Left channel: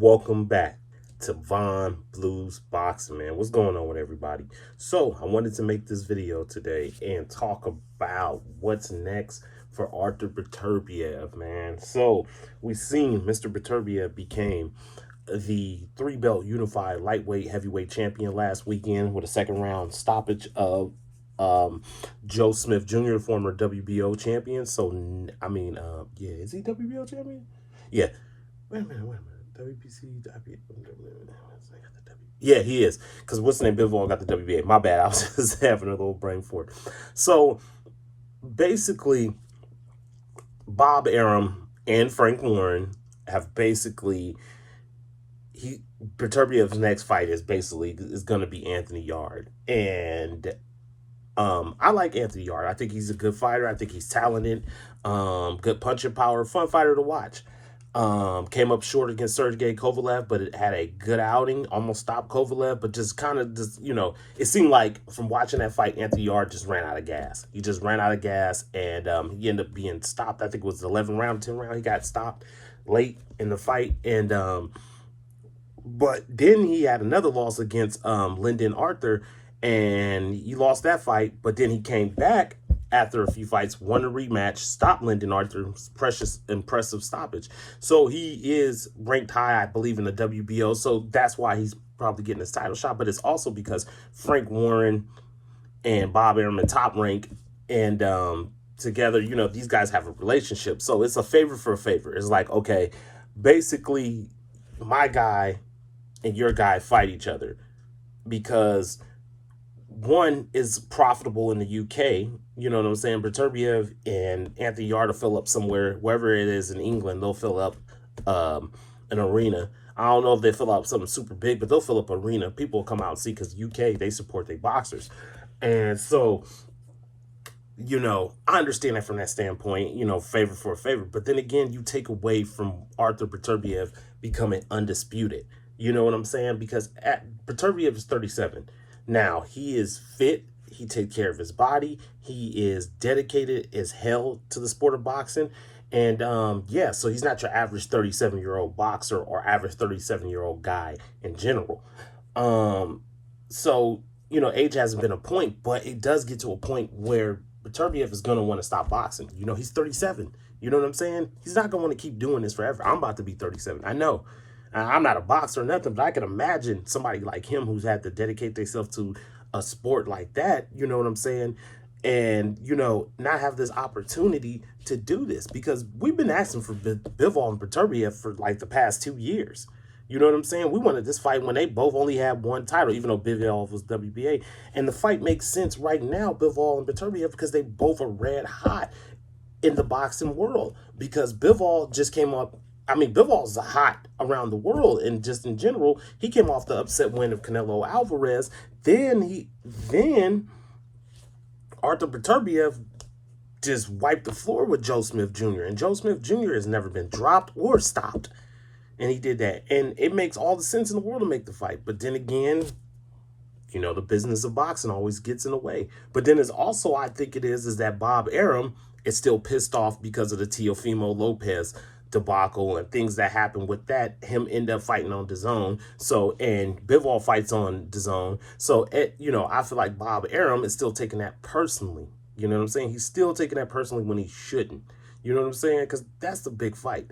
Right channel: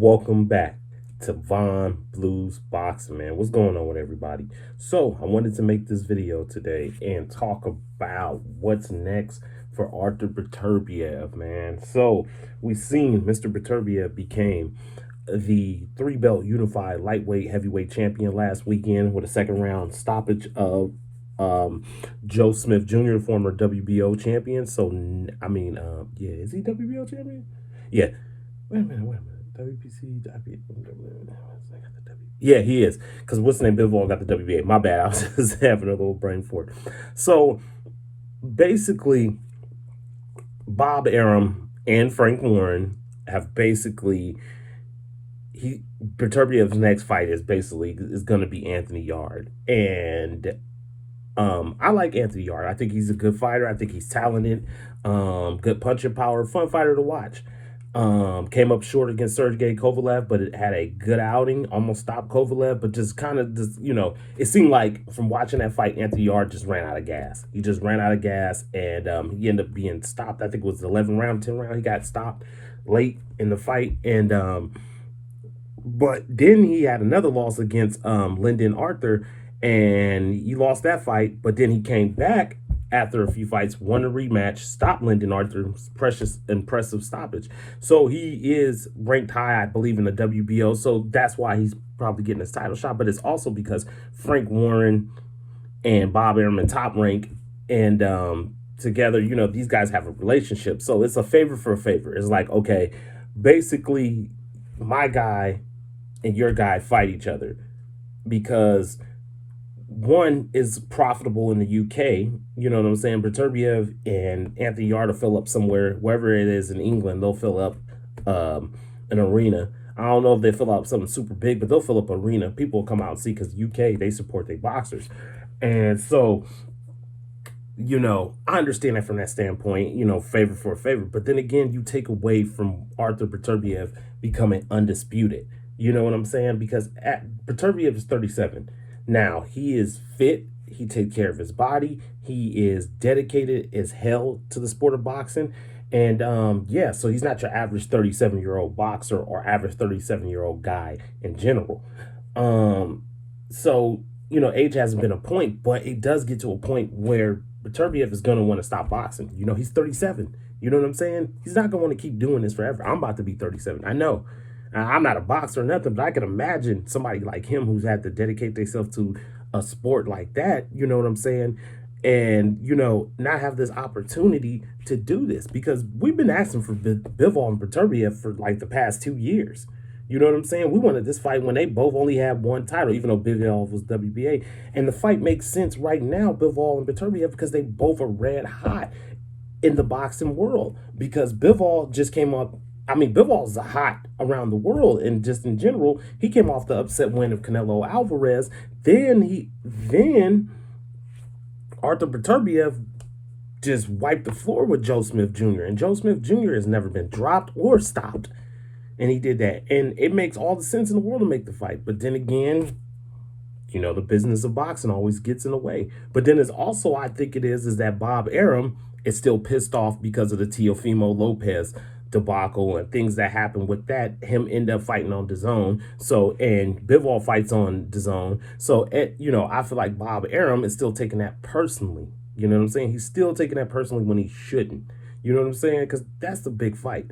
Welcome back to Von Blues Boxing, man. What's going on with everybody? So, I wanted to make this video today and talk about what's next for Artur Beterbiev, man. So, we've seen Mr. Beterbiev became the three-belt unified lightweight heavyweight champion last weekend with a second round stoppage of Joe Smith Jr., former WBO champion. So, yeah, is he WBO champion? Yeah. Wait a minute. WPC, yeah, he is. Because what's the name? Bivol got the WBA. My bad. I was just having a little brain fart. So basically, Bob Arum and Frank Warren have basically Beterbiev's next fight is going to be Anthony Yarde, and I like Anthony Yarde. I think he's a good fighter. I think he's talented, good punching power, fun fighter to watch. Came up short against Sergey Kovalev, but it had a good outing, almost stopped Kovalev, but just kind of it seemed like from watching that fight, Anthony Yarde just ran out of gas. He just ran out of gas, and he ended up being stopped. I think it was the 11th round, 10th round. He got stopped late in the fight, and but then he had another loss against Lyndon Arthur, and he lost that fight, but then he came back after a few fights, won a rematch, stopped Lyndon Arthur's impressive stoppage. So he is ranked high, I believe, in the WBO. So that's why he's probably getting his title shot. But it's also because Frank Warren and Bob Arum Top Rank, and together, these guys have a relationship. So it's a favor for a favor. It's like, okay, basically my guy and your guy fight each other because one is profitable in the UK, you know what I'm saying? Beterbiev and Anthony Yarde fill up somewhere, wherever it is in England, they'll fill up an arena. I don't know if they fill up something super big, but they'll fill up an arena. People will come out and see because UK, they support their boxers. And so, I understand that from that standpoint, favor for a favor. But then again, you take away from Artur Beterbiev becoming undisputed. You know what I'm saying? Because Beterbiev is 37. Now, he is fit. He takes care of his body. He is dedicated as hell to the sport of boxing. And, so he's not your average 37-year-old boxer or average 37-year-old guy in general. So, age hasn't been a point, but it does get to a point where Beterbiev is going to want to stop boxing. He's 37. You know what I'm saying? He's not going to want to keep doing this forever. I'm about to be 37. I know. I'm not a boxer or nothing, but I can imagine somebody like him who's had to dedicate themselves to a sport like that, you know what I'm saying? And, not have this opportunity to do this because we've been asking for Bivol and Beterbiev for like the past 2 years. You know what I'm saying? We wanted this fight when they both only had one title, even though Bivol was WBA. And the fight makes sense right now, Bivol and Beterbiev, because they both are red hot in the boxing world because Bivol just came up. Bivol's hot around the world and just in general. He came off the upset win of Canelo Alvarez. Then Artur Beterbiev just wiped the floor with Joe Smith Jr. And Joe Smith Jr. has never been dropped or stopped. And he did that. And it makes all the sense in the world to make the fight. But then again, the business of boxing always gets in the way. But then it's also, I think it is that Bob Arum is still pissed off because of the Teofimo Lopez debacle and things that happened with that. Him end up fighting on DAZN. So, and Bivol fights on DAZN. So, I feel like Bob Arum is still taking that personally. You know what I'm saying? He's still taking that personally when he shouldn't. You know what I'm saying? Because that's the big fight.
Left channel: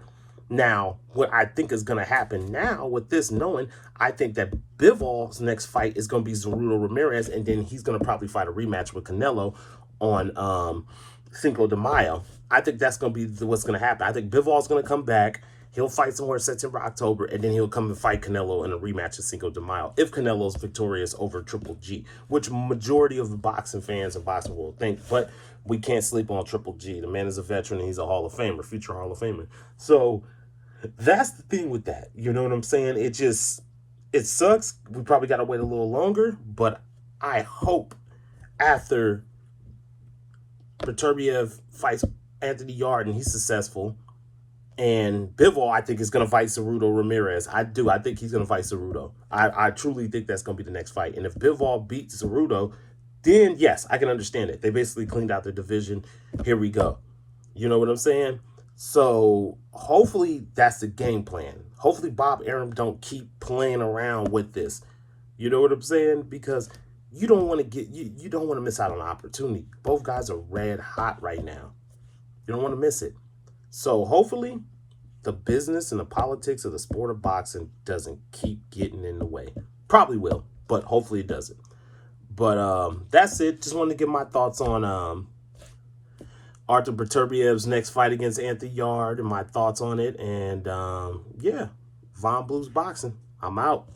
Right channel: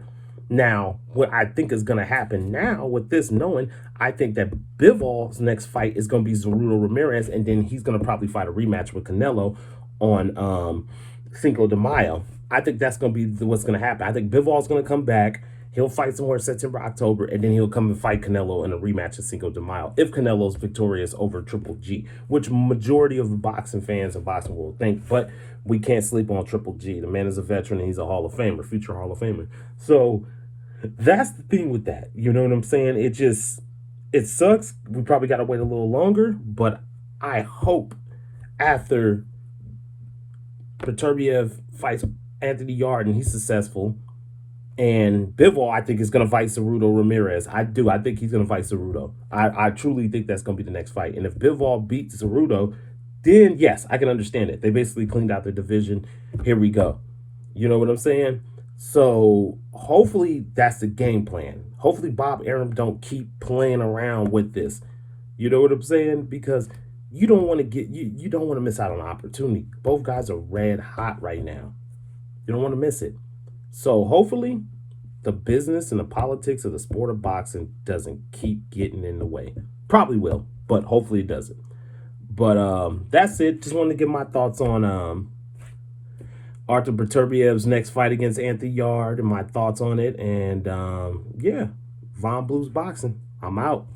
Now, what I think is going to happen now with this knowing, I think that Bivol's next fight is going to be Ceruto Ramirez, and then he's going to probably fight a rematch with Canelo on Cinco de Mayo. I think that's going to be what's going to happen. I think Bivol's going to come back. He'll fight somewhere in September, October, and then he'll come and fight Canelo in a rematch at Cinco de Mayo if Canelo's victorious over Triple G, which majority of the boxing fans and boxing will think. But we can't sleep on Triple G. The man is a veteran and he's a Hall of Famer, future Hall of Famer. So that's the thing with that. You know what I'm saying? It sucks. We probably got to wait a little longer, but I hope after Beterbiev fights Anthony Yarde and he's successful, and Bivol, I think, is going to fight Ceruto Ramirez. I think he's going to fight Ceruto. I truly think that's going to be the next fight. And if Bivol beats Ceruto, then yes, I can understand it. They basically cleaned out their division. Here we go. You know what I'm saying? So hopefully that's the game plan. Hopefully Bob Arum don't keep playing around with this. You know what I'm saying? Because you don't want to you don't want to miss out on an opportunity. Both guys are red hot right now. You don't want to miss it. So hopefully the business and the politics of the sport of boxing doesn't keep getting in the way. Probably will, but hopefully it doesn't. But that's it. Just wanted to give my thoughts on Artur Beterbiev's next fight against Anthony Yarde and my thoughts on it. And yeah, Von Blues Boxing. I'm out.